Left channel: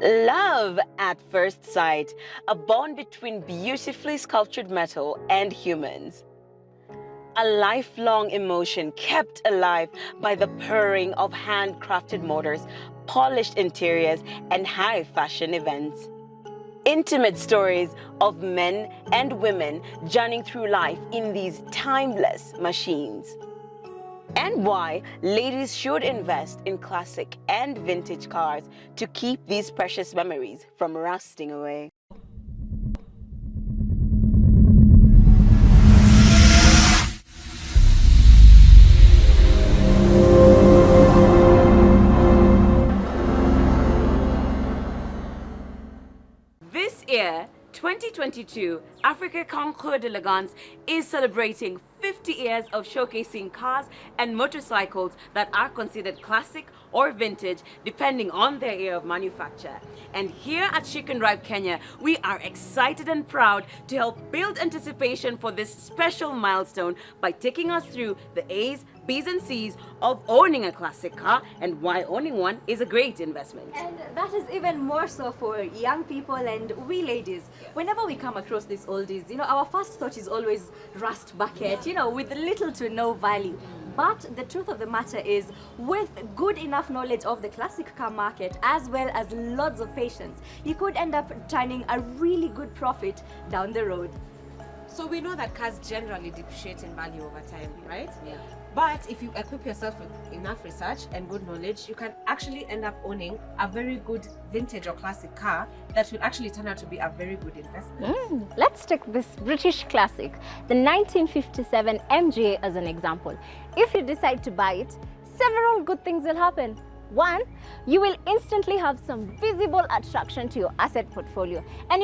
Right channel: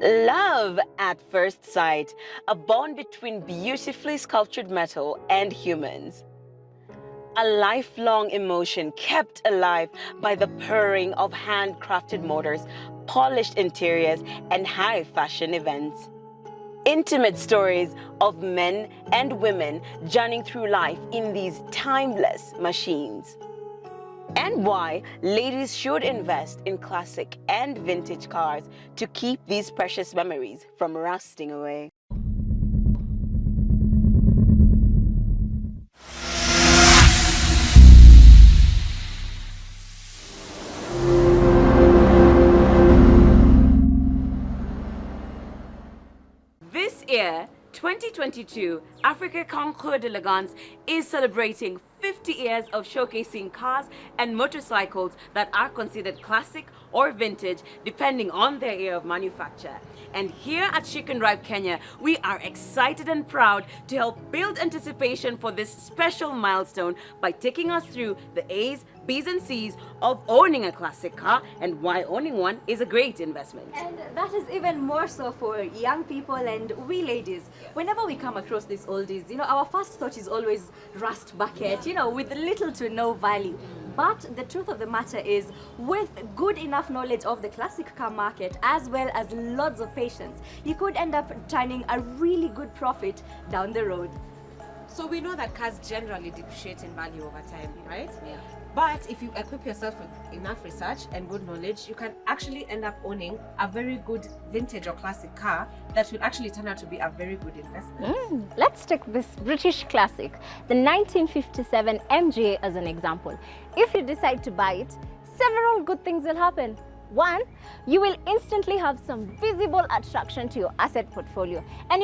Love at first sight, a bond between beautifully sculptured metal and humans. A lifelong emotion kept alive by the purring of handcrafted motors, polished interiors, and high fashion events. Intimate stories of men and women journeying through life in these timeless machines. And why ladies should invest in classic and vintage cars to keep these precious memories from rusting away. This year, 2022, Africa Concours D'Elegance is celebrating 50 years of showcasing cars and motorcycles that are considered classic or vintage depending on their year of manufacture. And here at Chicken Drive, Kenya, we are excited and proud to help build anticipation for this special milestone by taking us through the A's, B's and C's of owning a classic car and why owning one is a great investment. And that is even more so for young people and we ladies. Whenever we come across these oldies, our first thought is always rust bucket, with little to no value. But the truth of the matter is, with good enough knowledge of the classic car market as well as lots of patience, you could end up turning a really good profit down the road. So we know that cars generally depreciate in value over time, right? Yeah. But if you equip yourself with enough research and good knowledge, you can actually end up owning a very good vintage or classic car that will actually turn out to be a very good investment. Let's take this British classic, the 1957 MGA, as an example. If you decide to buy it, several good things will happen. One, you will instantly have some visible attraction to your asset portfolio. And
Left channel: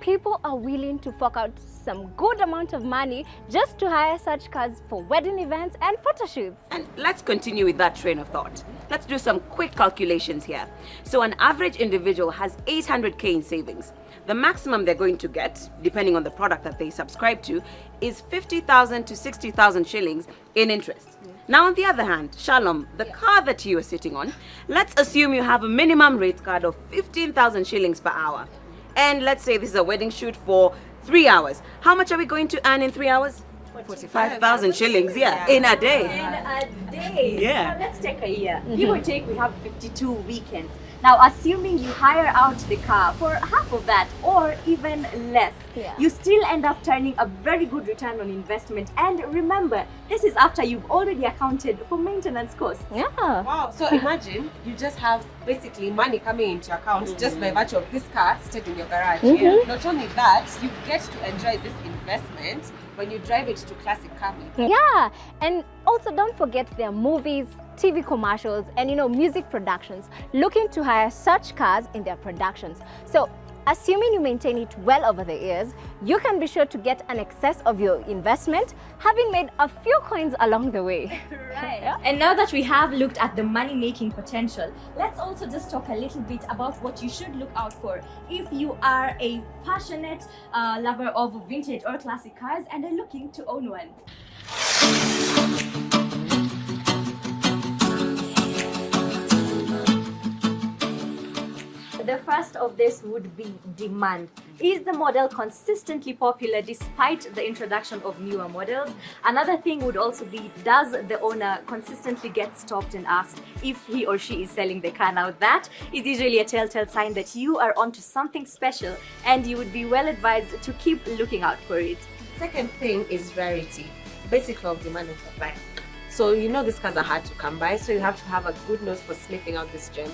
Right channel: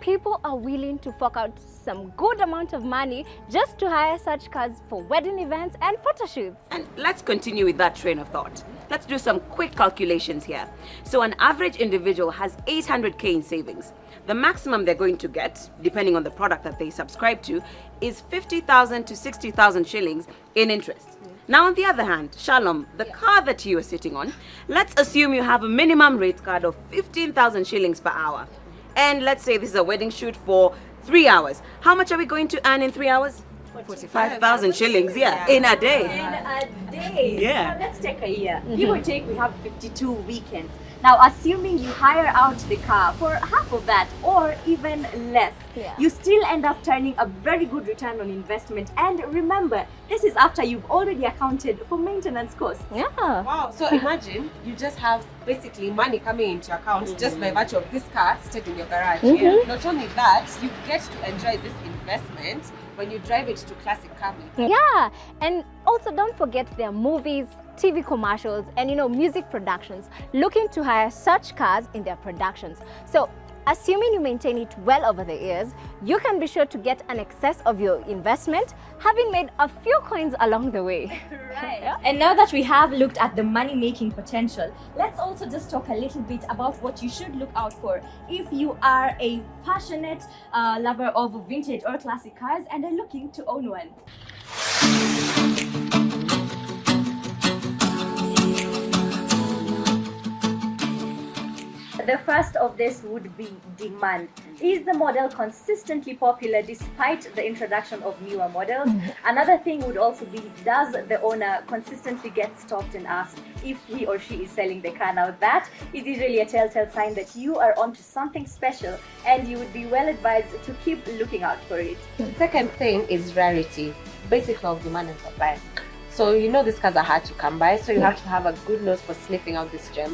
people are willing to fork out some good amount of money just to hire such cars for wedding events and photo shoots. And let's continue with that train of thought. Let's do some quick calculations here. So an average individual has 800k in savings. The maximum they're going to get, depending on the product that they subscribe to, is 50,000 to 60,000 shillings in interest. Now, on the other hand, Shalom, the car that you are sitting on, let's assume you have a minimum rate card of 15,000 shillings per hour. And let's say this is a wedding shoot for 3 hours. How much are we going to earn in 3 hours? 45,000 shillings, in a day. In a day. Yeah. Now let's take a year. Give or take, we have 52 weekends. Now, assuming you hire out the car for half of that or even less, you still end up turning a very good return on investment. And remember, this is after you've already accounted for maintenance costs. Yeah. Wow, so imagine you just have basically money coming into your account just by virtue of this car sitting in your garage. Not only that, you get to enjoy this investment when you drive it to classic car meets. Yeah, and also don't forget there are movies, TV commercials, and music productions looking to hire such cars in their productions. So assuming you maintain it well over the years, you can be sure to get an excess of your investment, having made a few coins along the way. Right. Yeah. And now that we have looked at the money-making potential, let's also just talk a little bit about what you should look out for if you are a passionate lover of vintage or classic cars and are looking to own one. The first of this would be demand. Is the model consistently popular despite the introduction of newer models? Another thing would also be, does the owner consistently get stopped and asked if he or she is selling the car? Now that is usually a telltale sign that you are onto something special and you would be well advised to keep looking out for it. Second thing is rarity, basic law of demand and supply. So these cars are hard to come by, so you have to have a good nose for sniffing out this gem.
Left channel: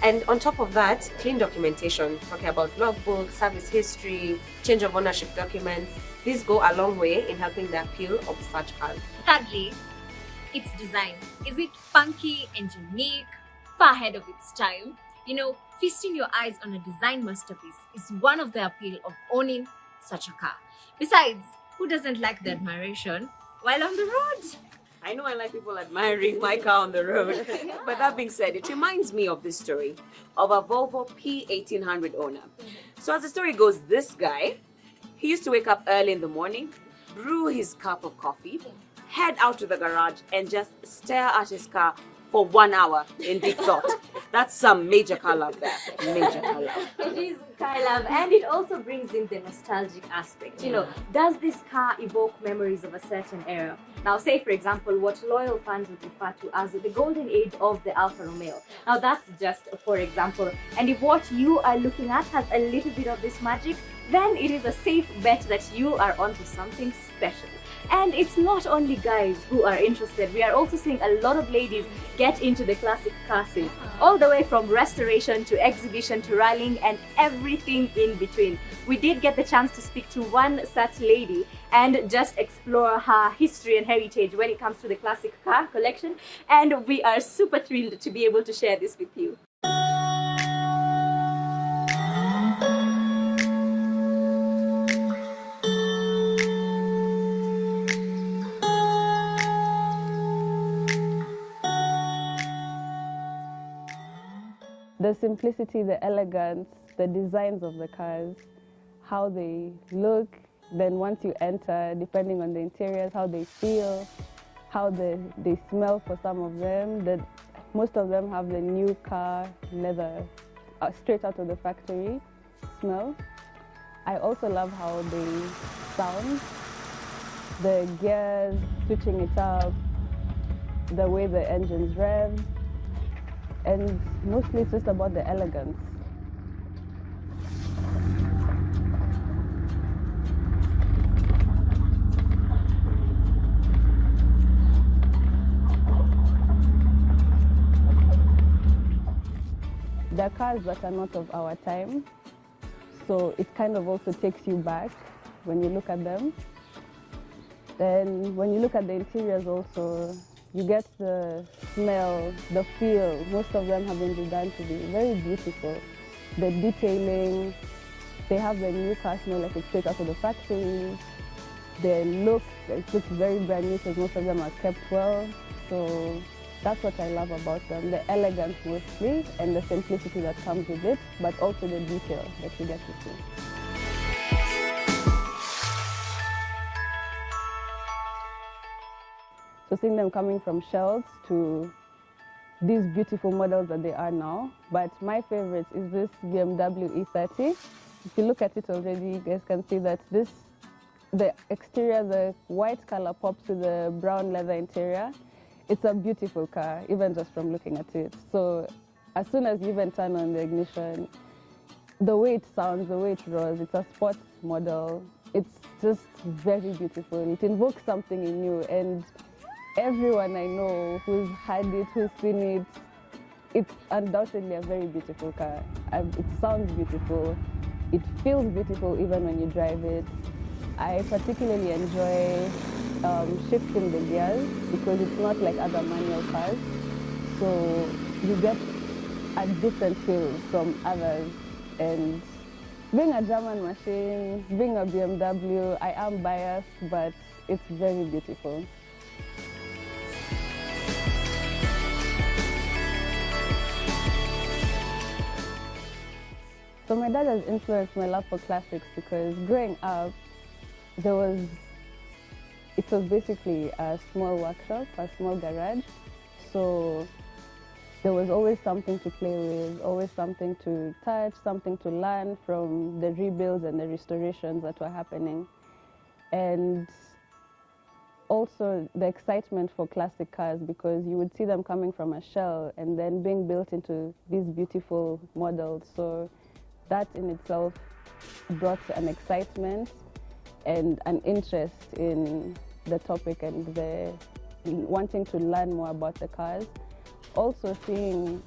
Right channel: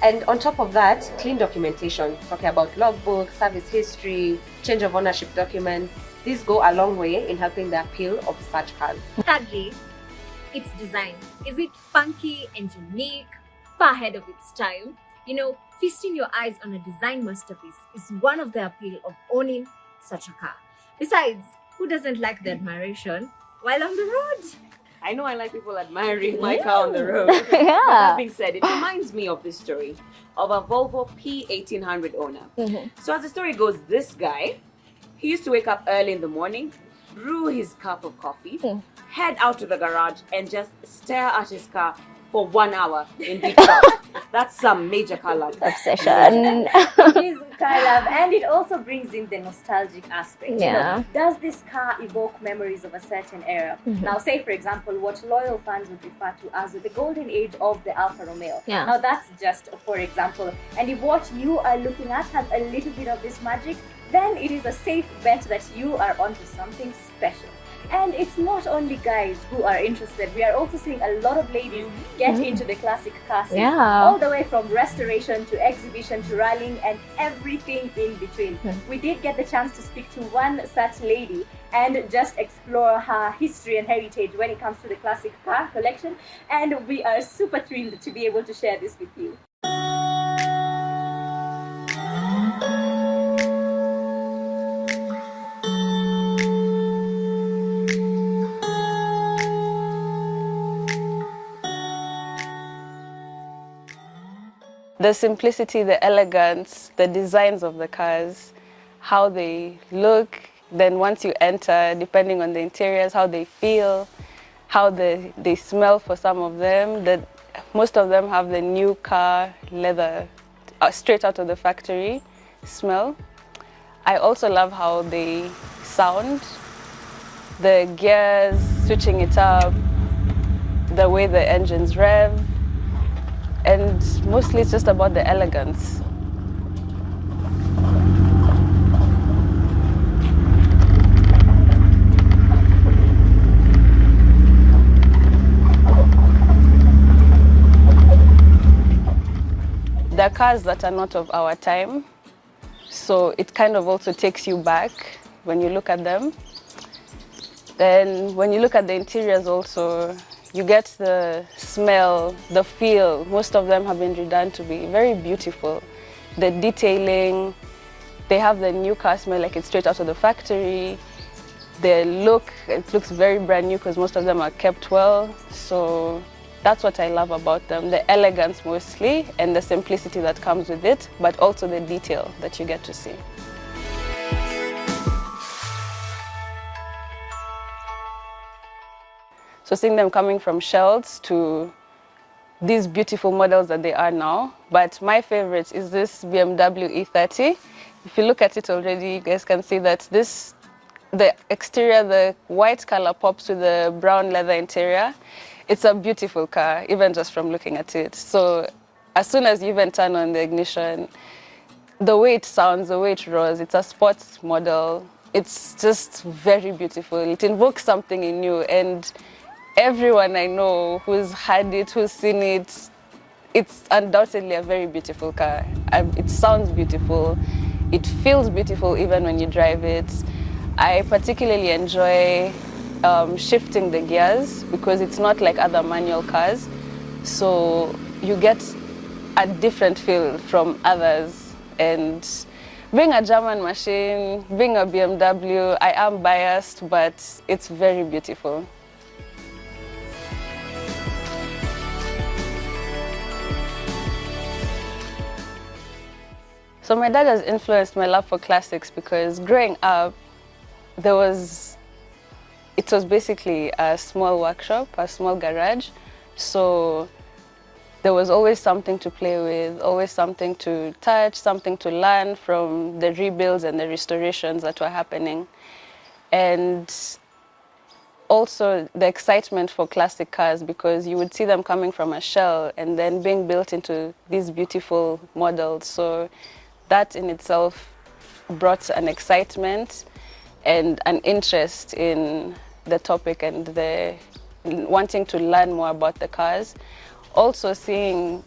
And on top of that, clean documentation, talking about logbook, service history, change of ownership documents. These go a long way in helping the appeal of such cars. Thirdly, its design. Is it funky and unique, far ahead of its time? Feasting your eyes on a design masterpiece is one of the appeal of owning such a car. Besides, who doesn't like the admiration while on the road? I know I like people admiring my car on the road. But that being said, it reminds me of this story of a Volvo P1800 owner. So as the story goes, this guy, he used to wake up early in the morning, brew his cup of coffee, head out to the garage and just stare at his car for 1 hour in deep thought. That's some major car love. Obsession. It is car love, and it also brings in the nostalgic aspect. You Yeah. know, does this car evoke memories of a certain era? Now, say for example, what loyal fans would refer to as the golden age of the Alfa Romeo. Yeah. Now, that's just for example. And if what you are looking at has a little bit of this magic, then it is a safe bet that you are onto something special. And it's not only guys who are interested. We are also seeing a lot of ladies get into the classic car scene. Yeah. All the way from restoration to exhibition to rallying and everything in between. We did get the chance to speak to one such lady and just explore her history and heritage when it comes to the classic car collection. And we are super thrilled to be able to share this with you. The simplicity, the elegance, the designs of the cars, how they look, then once you enter, depending on the interiors, how they feel, how they smell for some of them. Most of them have the new car leather, straight out of the factory smell. I also love how they sound, the gears, switching it up, the way the engines rev. And mostly it's just about the elegance. There are cars that are not of our time, so it kind of also takes you back when you look at them. Then when you look at the interiors also, you get the smell, the feel. Most of them have been redone to be very beautiful. The detailing, they have the new car smell like it's straight out of the factory. The look, it looks very brand new because most of them are kept well. So that's what I love about them, the elegance mostly and the simplicity that comes with it, but also the detail that you get to see. So seeing them coming from shells to these beautiful models that they are now. But my favorite is this BMW E30. If you look at it already, you guys can see that the exterior, the white color pops with the brown leather interior. It's a beautiful car, even just from looking at it. So as soon as you even turn on the ignition, the way it sounds, the way it roars, it's a sports model. It's just very beautiful. It invokes something in you, and everyone I know who's had it, who's seen it, it's undoubtedly a very beautiful car. It sounds beautiful. It feels beautiful even when you drive it. I particularly enjoy shifting the gears because it's not like other manual cars. So you get a different feel from others. And being a German machine, being a BMW, I am biased, but it's very beautiful. So my dad has influenced my love for classics because growing up, it was basically a small workshop, a small garage. So there was always something to play with, always something to touch, something to learn from the rebuilds and the restorations that were happening. And also the excitement for classic cars because you would see them coming from a shell and then being built into these beautiful models. So that in itself brought an excitement and an interest in the topic and wanting to learn more about the cars. Also seeing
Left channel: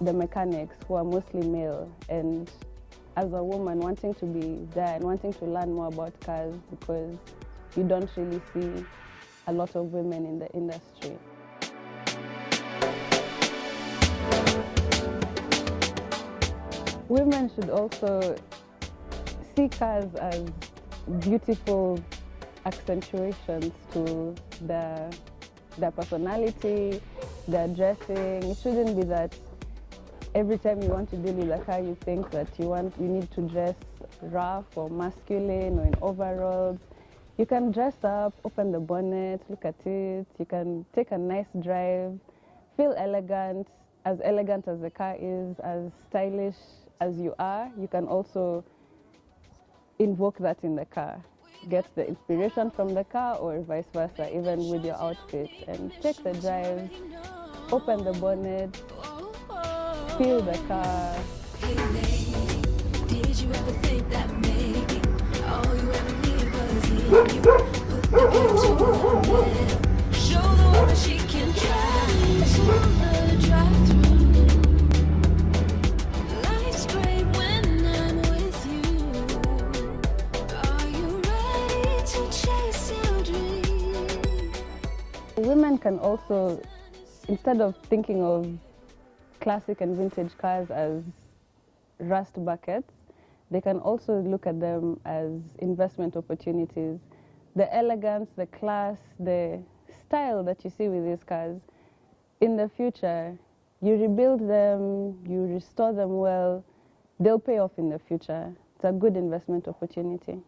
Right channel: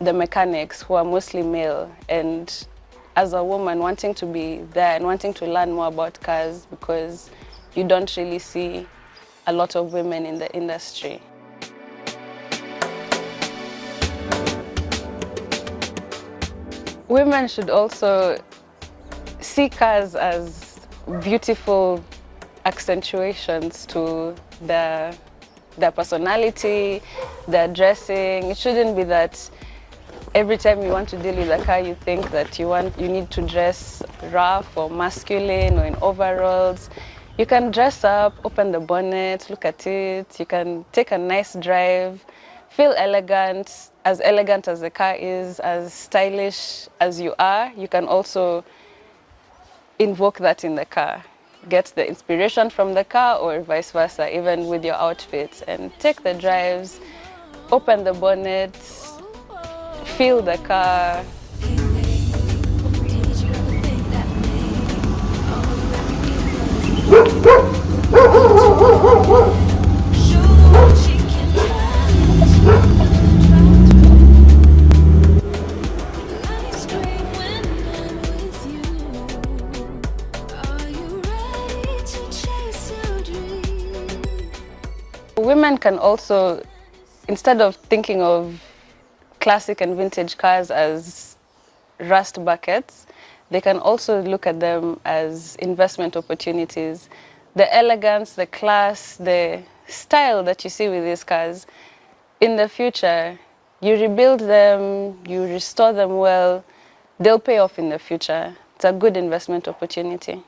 the mechanics who are mostly male, and as a woman wanting to be there and wanting to learn more about cars because you don't really see a lot of women in the industry. Women should also see cars as beautiful accentuations to their personality, their dressing. It shouldn't be that every time you want to deal with a car, you think that you need to dress rough or masculine or in overalls. You can dress up, open the bonnet, look at it. You can take a nice drive, feel elegant as the car is, as stylish as you are. You can also invoke that in the car. Get the inspiration from the car or vice versa, even with your outfit, and take the drives, open the bonnet, feel the car. Women can also, instead of thinking of classic and vintage cars as rust buckets, they can also look at them as investment opportunities. The elegance, the class, the style that you see with these cars, in the future, you rebuild them, you restore them well, they'll pay off in the future. It's a good investment opportunity.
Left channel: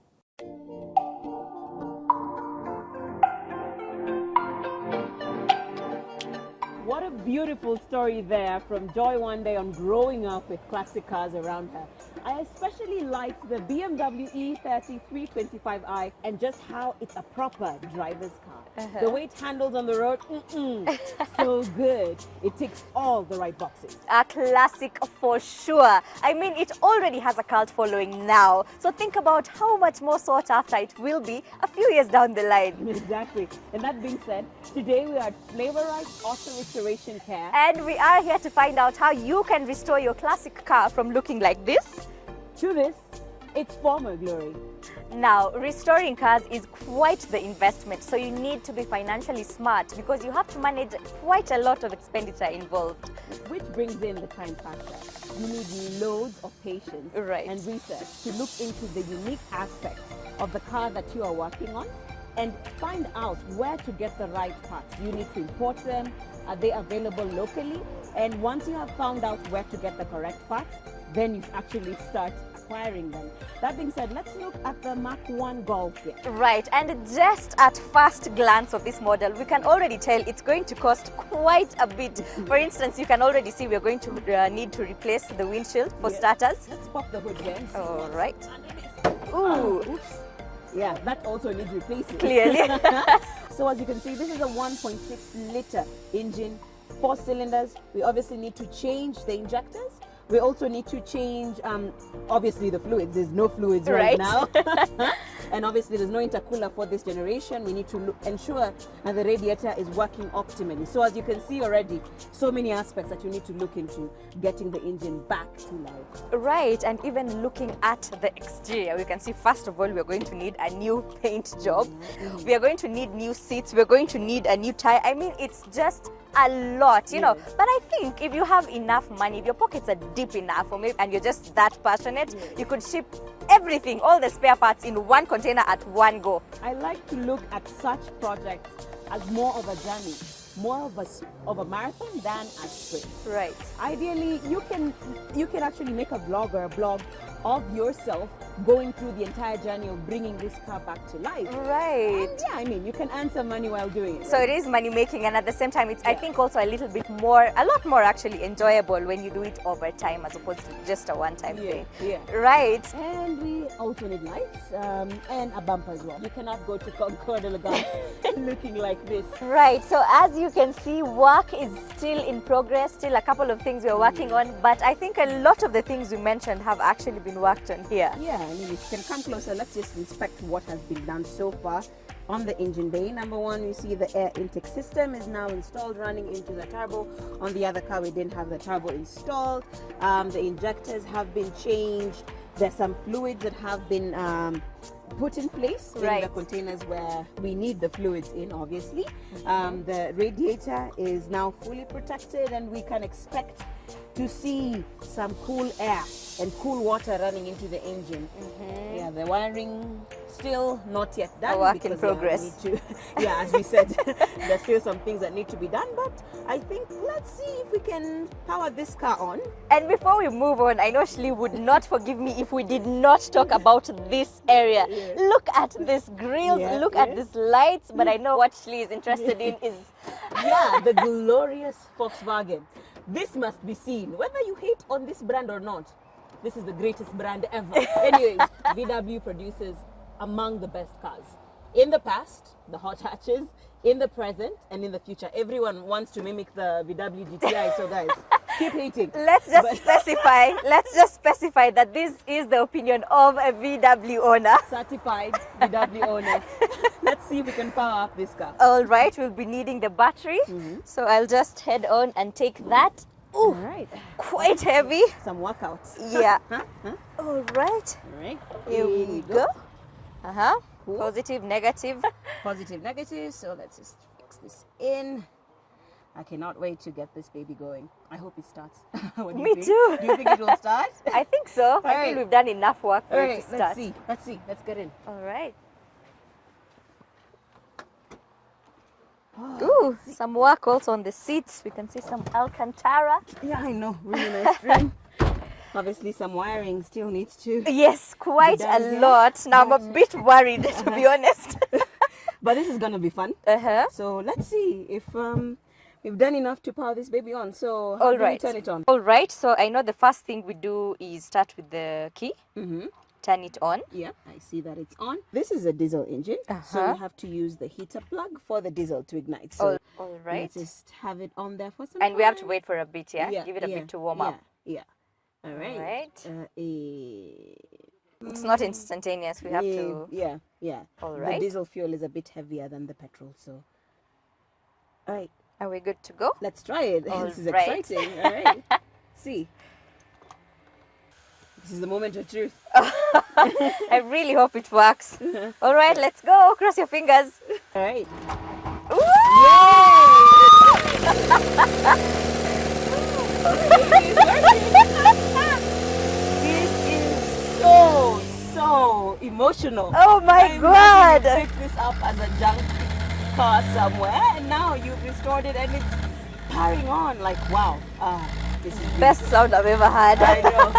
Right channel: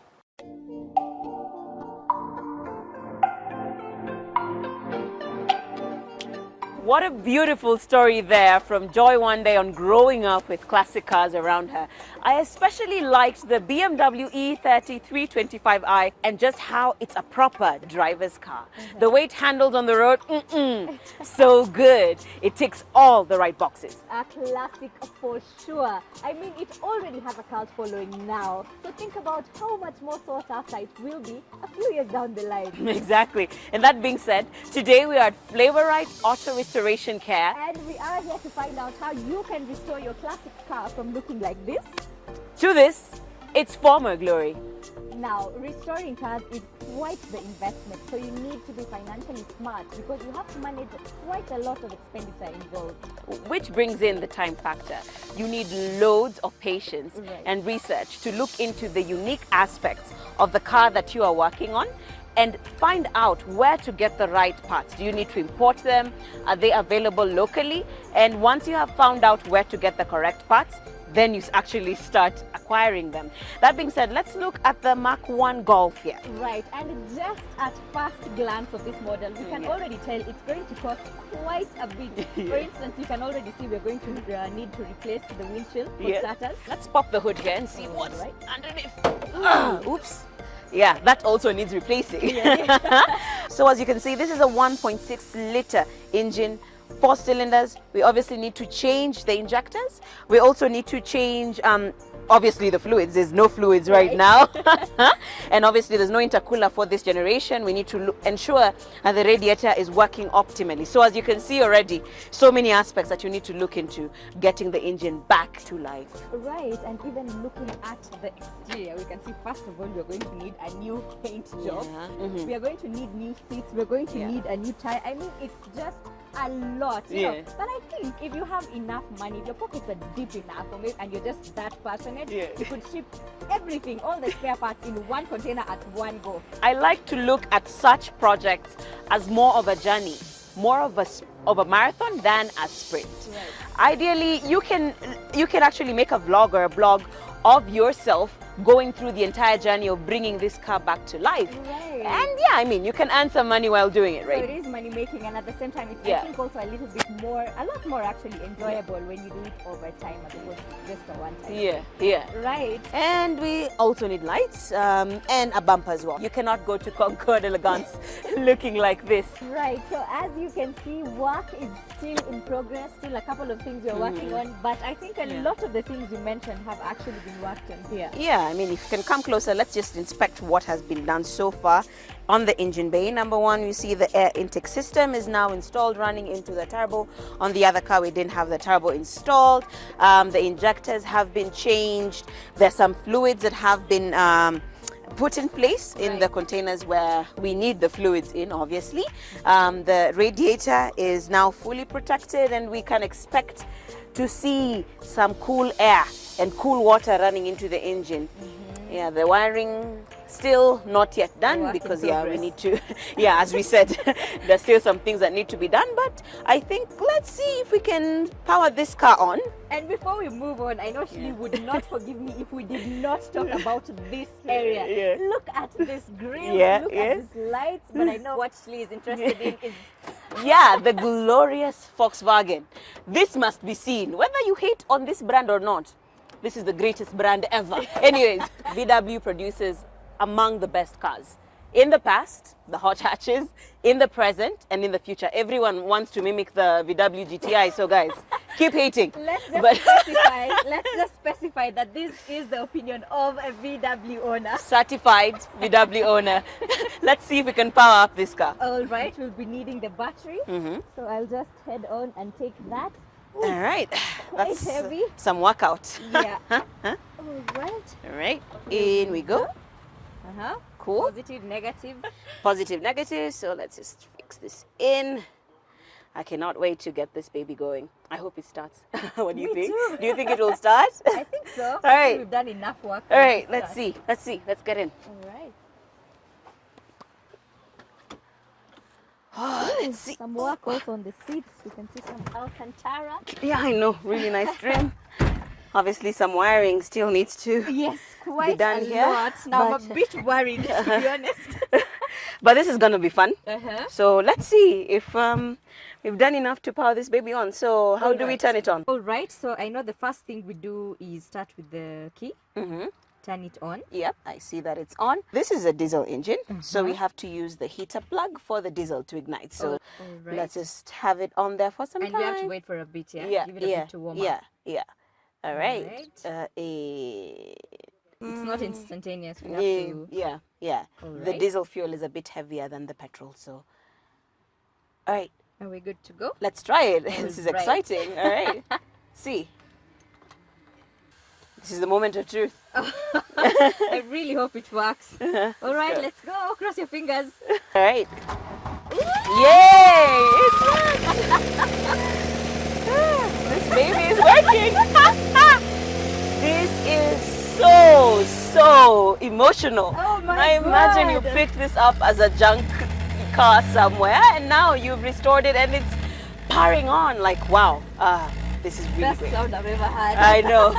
What a beautiful story there from Joy one day on growing up with classic cars around her. I especially liked the BMW E30 325i and just how it's a proper driver's car. The way it handles on the road, so good. It ticks all the right boxes. A classic for sure. I mean, it already has a cult following now. So think about how much more sought after it will be a few years down the line. Exactly. And that being said, today we are at Flavorite Auto Restoration Care. And we are here to find out how you can restore your classic car from looking like this to this, its former glory. Now, restoring cars is quite the investment, so you need to be financially smart because you have to manage quite a lot of expenditure involved. Which brings in the time factor. You need loads of patience and research to look into the unique aspects of the car that you are working on and find out where to get the right parts. Do you need to import them? Are they available locally? And once you have found out where to get the correct parts, then you actually start acquiring them. That being said, let's look at the Mark 1 Golf here. Right, and just at first glance of this model, we can already tell it's going to cost quite a bit. For instance, you can already see we're going to need to replace the windshield for starters. Let's pop the hood here and see what's right underneath. Ooh, Oops. Yeah, that also needs replacing. So as you can see, this is a 1.6 liter engine, 4 cylinders. We obviously need to change the injectors. We also need to change, obviously, the fluids. There's no fluids right now. And obviously, there's no intercooler for this generation. We need to ensure that the radiator is working optimally. So as you can see already, so many aspects that you need to look into getting the engine back to life. Right, and even looking at the exterior, we can see, first of all, we're going to need a new paint job. We are going to need new seats. We're going to need a new tire. I mean, it's just a lot, you know. But I think if you have enough money, if your pockets are deep enough, or maybe, and you're just that passionate, you could ship everything, all the spare parts in one container at one go. I like to look at such projects as more of a journey, more of a marathon than a sprint. Right. Ideally, you can actually make a vlog or a blog of yourself going through the entire journey of bringing this car back to life. Right. And yeah, I mean, you can earn some money while doing it, right? So it is money making, and at the same time, it's I think also a little bit more, a lot more actually enjoyable when you do it over time as opposed to just a one-time thing. Right. And we also need lights and a bumper as well. You cannot go to Concours D'Elegance looking like this. Right. So as you can see, work is still in progress. Still a couple of things we're working on, but I think a lot of the things you mentioned have actually been worked on here. Yeah, I mean, if you can come closer, let's just inspect what has been done so far on the engine bay. Number one, you see the air intake system is now installed, running into the turbo. On the other car, we didn't have the turbo installed. The injectors have been changed. There's some fluids that have been put in place in the containers where we need the fluids in, obviously. The radiator is now fully protected, and we can expect to see some cool air and cool water running into the engine. Yeah, the wiring still not yet done because we need to, as we said, there's still some things that need to be done, but I think let's see if we can power this car on. And before we move on, I know Shli would not forgive me if we did not talk about this area. Look at this grill, look at these lights, but I know what Shli is interested in is Yeah, the glorious Volkswagen. This must be seen. Whether you hate on this brand or not, this is the greatest brand ever. Anyways, VW produces among the best cars. In the past, the hot hatches, in the present, and in the future. Everyone wants to mimic the VW GTI, so guys, keep hating. Let's just specify that this is the opinion of a VW owner. Certified VW owner. Let's see if we can power up this car. All right, we'll be needing the battery. So I'll just head on and take that. All right. Quite That's heavy. Some workout. Yeah. All right. All right. Here In we go. Cool. Positive, negative. Positive, negative. So let's just fix this in. I cannot wait to get this baby going. I hope it starts. What do you Me think? too. Do you think it will start? I think so. All I right. think we've done enough work. All right. Let's see. Let's see. Let's get in. All right. Let's Ooh, see. some work also on the seats. We can see some Alcantara. Yeah, I know. Really nice trim. Obviously, some wiring still needs to. Yes, quite done a here, lot. Now I'm a but- bit worried, to be honest. But this is gonna be fun. Uh-huh. So let's see if we've done enough to power this baby on. So how All do we right. turn it on? All right, so I know the first thing we do is start with the key, turn it on. Yep, I see that it's on. This is a diesel engine, so we Uh-huh. have to use the heater plug for the diesel to ignite. So All right. let's just have it on there for some And time. we have to wait for a bit, yeah? Give it a bit to warm up. Yeah. All right. right. It's It's not instantaneous. We have to. Yeah. All The right. diesel fuel is a bit heavier than the petrol, so. All right, Are we good to go? let's try it. All This is right. exciting. All right. See. This is the moment of truth. I really hope it works. All right, let's go. Cross your fingers. All right. Yay! Baby is working. This is so emotional. Oh my I God. imagine you picked this up as a junk car somewhere, and now you've restored it, and it's powering on. Like, wow, this is really Best good. sound I've ever had. I know.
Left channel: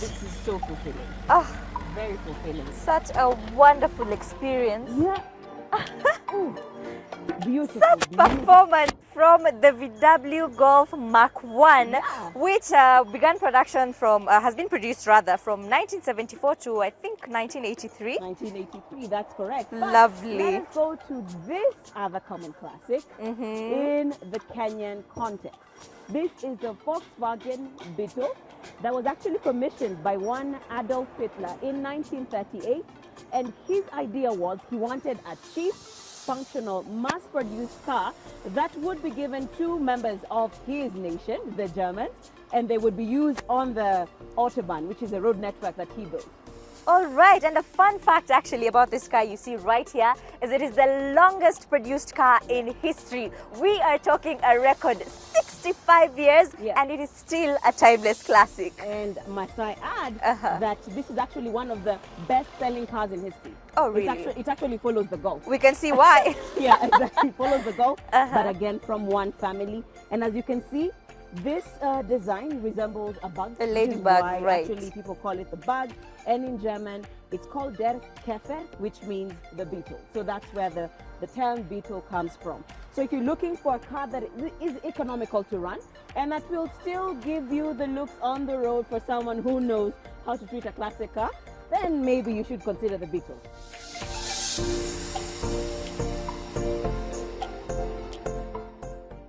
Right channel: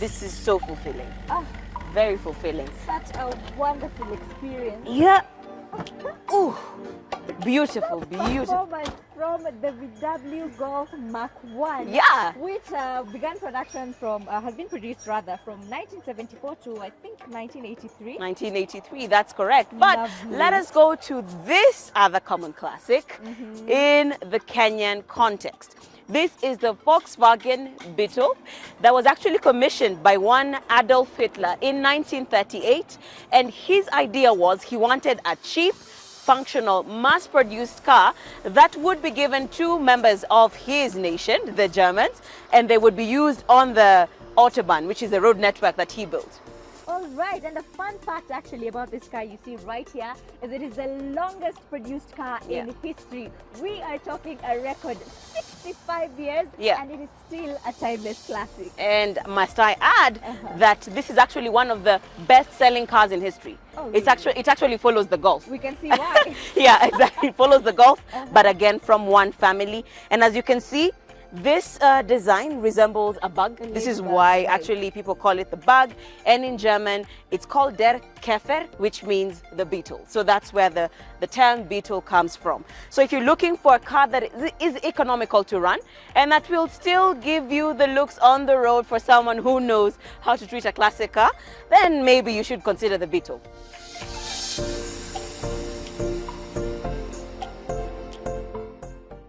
This is so fulfilling. Ah, Very fulfilling. such a wonderful experience. Yeah. Ooh. Beautiful, beautiful. Performance from the VW Golf Mark 1, Yeah. which began production from, has been produced rather from 1974 to I think 1983. 1983, that's correct. But Lovely. let us go to this other common classic in the Kenyan context. This is the Volkswagen Beetle that was actually commissioned by one Adolf Hitler in 1938. And his idea was he wanted a cheap, functional, mass-produced car that would be given to members of his nation, the Germans, and they would be used on the Autobahn, which is the road network that he built. All right, and a fun fact actually about this car you see right here is it is the longest produced car in history. We are talking a record 65 years, Yeah. and it is still a timeless classic. And must I add that this is actually one of the best-selling cars in history. Oh, It actually follows the Golf. We can see why. Yeah, exactly. It follows the Golf, but again from one family. And as you can see, this design resembles a bug. This is ladybug, why right. actually people call it the bug. And in German, it's called der Käfer, which means the beetle. So that's where the term beetle comes from. So if you're looking for a car that is economical to run and that will still give you the looks on the road for someone who knows how to treat a classic car, then maybe you should consider the beetle.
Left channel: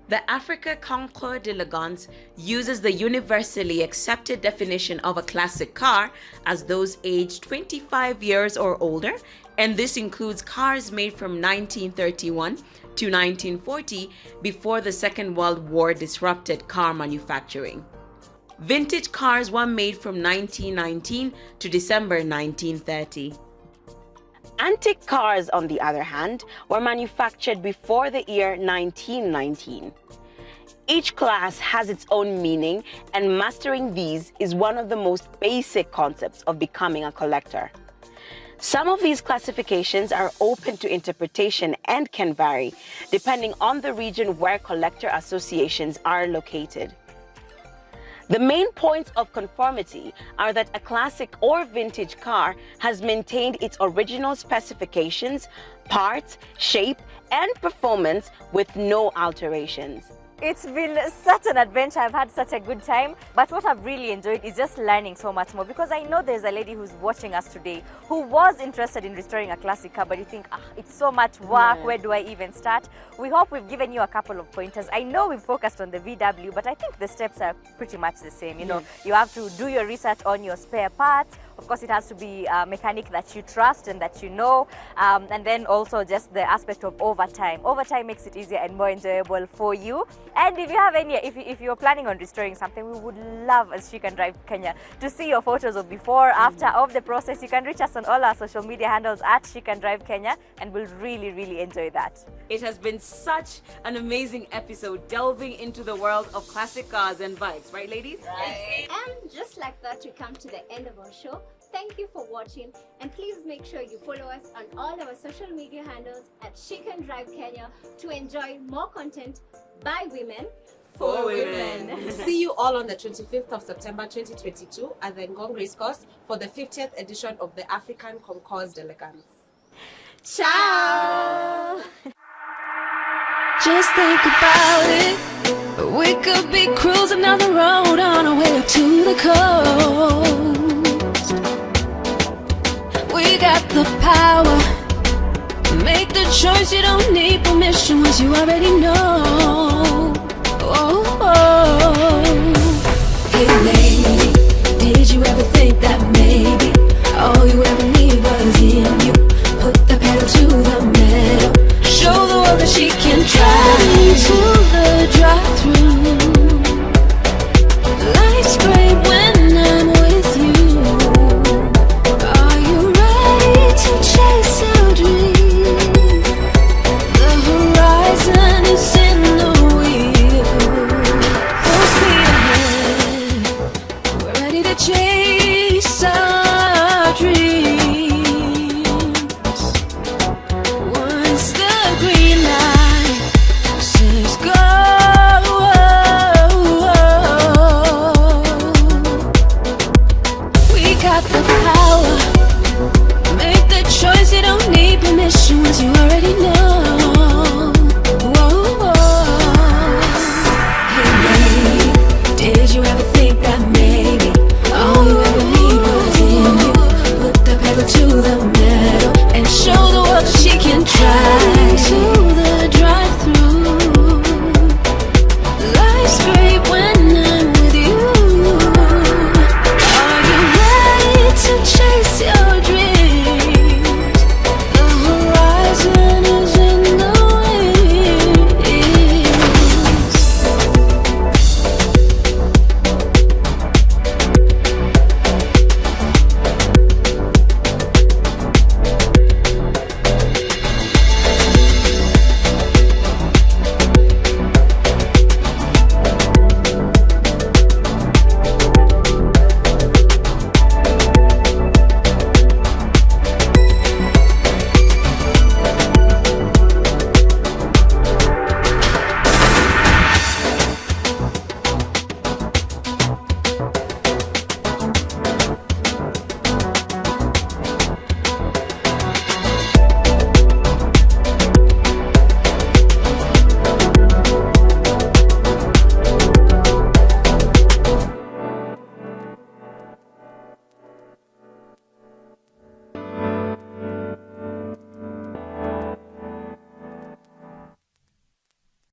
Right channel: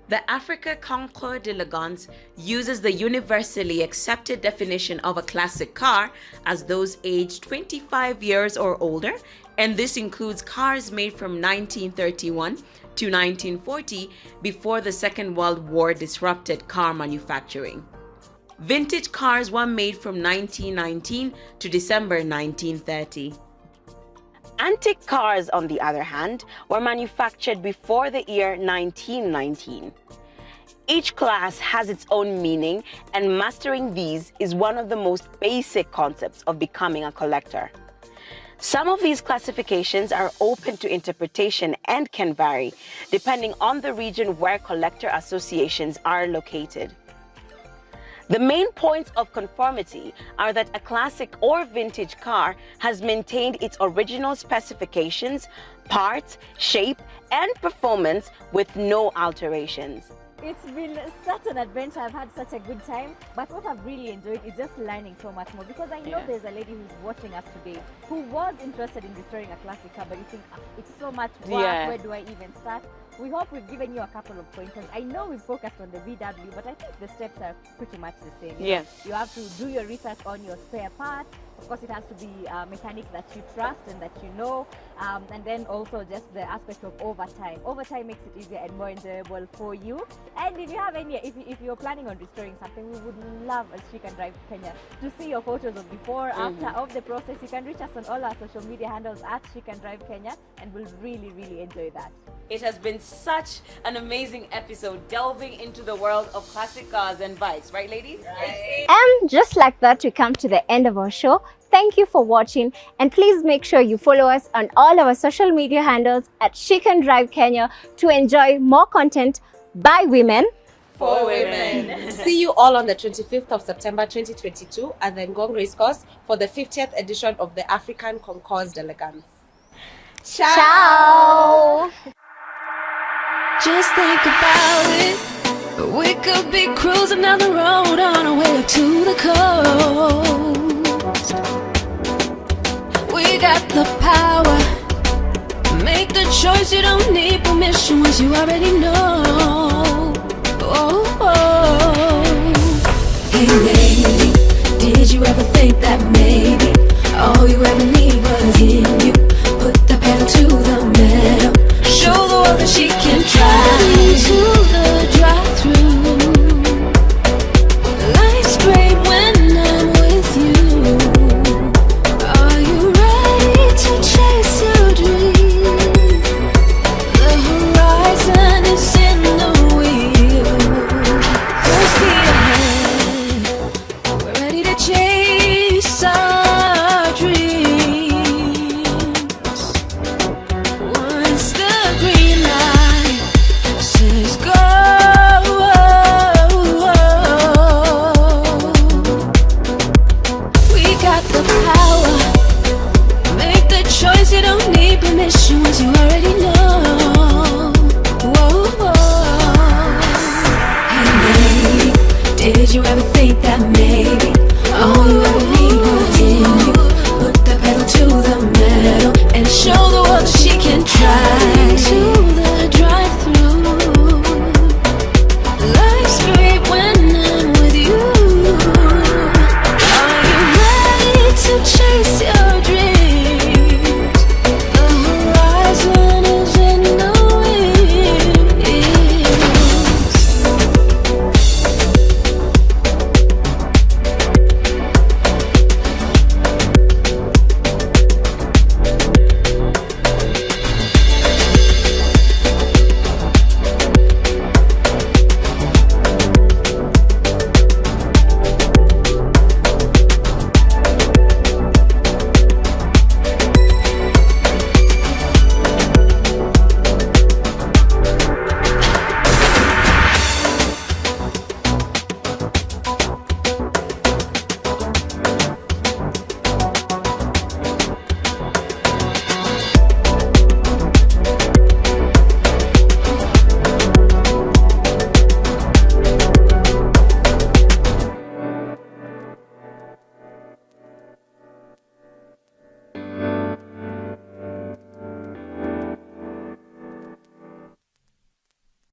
The Africa Concours D'Elegance uses the universally accepted definition of a classic car as those aged 25 years or older, and this includes cars made from 1931 to 1940, before the Second World War disrupted car manufacturing. Vintage cars were made from 1919 to December 1930. Antique cars, on the other hand, were manufactured before the year 1919. Each class has its own meaning, and mastering these is one of the most basic concepts of becoming a collector. Some of these classifications are open to interpretation and can vary, depending on the region where collector associations are located. The main points of conformity are that a classic or vintage car has maintained its original specifications, parts, shape, and performance with no alterations. It's been such an adventure. I've had such a good time. But what I've really enjoyed is just learning so much more, because I know there's a lady who's watching us today who was interested in restoring a classic car, but you think, it's so much work, Yeah. where do I even start? We hope we've given you a couple of pointers. I know we've focused on the VW, but I think the steps are pretty much the same. You know, you have to do your research on your spare parts. Of course, it has to be a mechanic that you trust and that you know. And then also just the aspect of overtime. Overtime makes it easier and more enjoyable for you. And if you have any, if you're planning on restoring something, we would love, as She Can Drive Kenya, to see your photos of before, after, of the process. You can reach us on all our social media handles at She Can Drive Kenya, and we'll really, really enjoy that. It has been such an amazing episode delving into the world of classic cars and bikes, right, ladies? Right. And just like that, we come to the end of our show. Thank you for watching, and please make sure you follow us on all our social media handles at She Can Drive Kenya to enjoy more content by women. For women. See you all on the 25th of September 2022 at the Ngong Racecourse for the 50th edition of the African Concours D'Elegance. Ciao! Just think about it. We could be cruising down the road on our way up to the coast. We got the power. Make the choice, you don't need permission once you already know.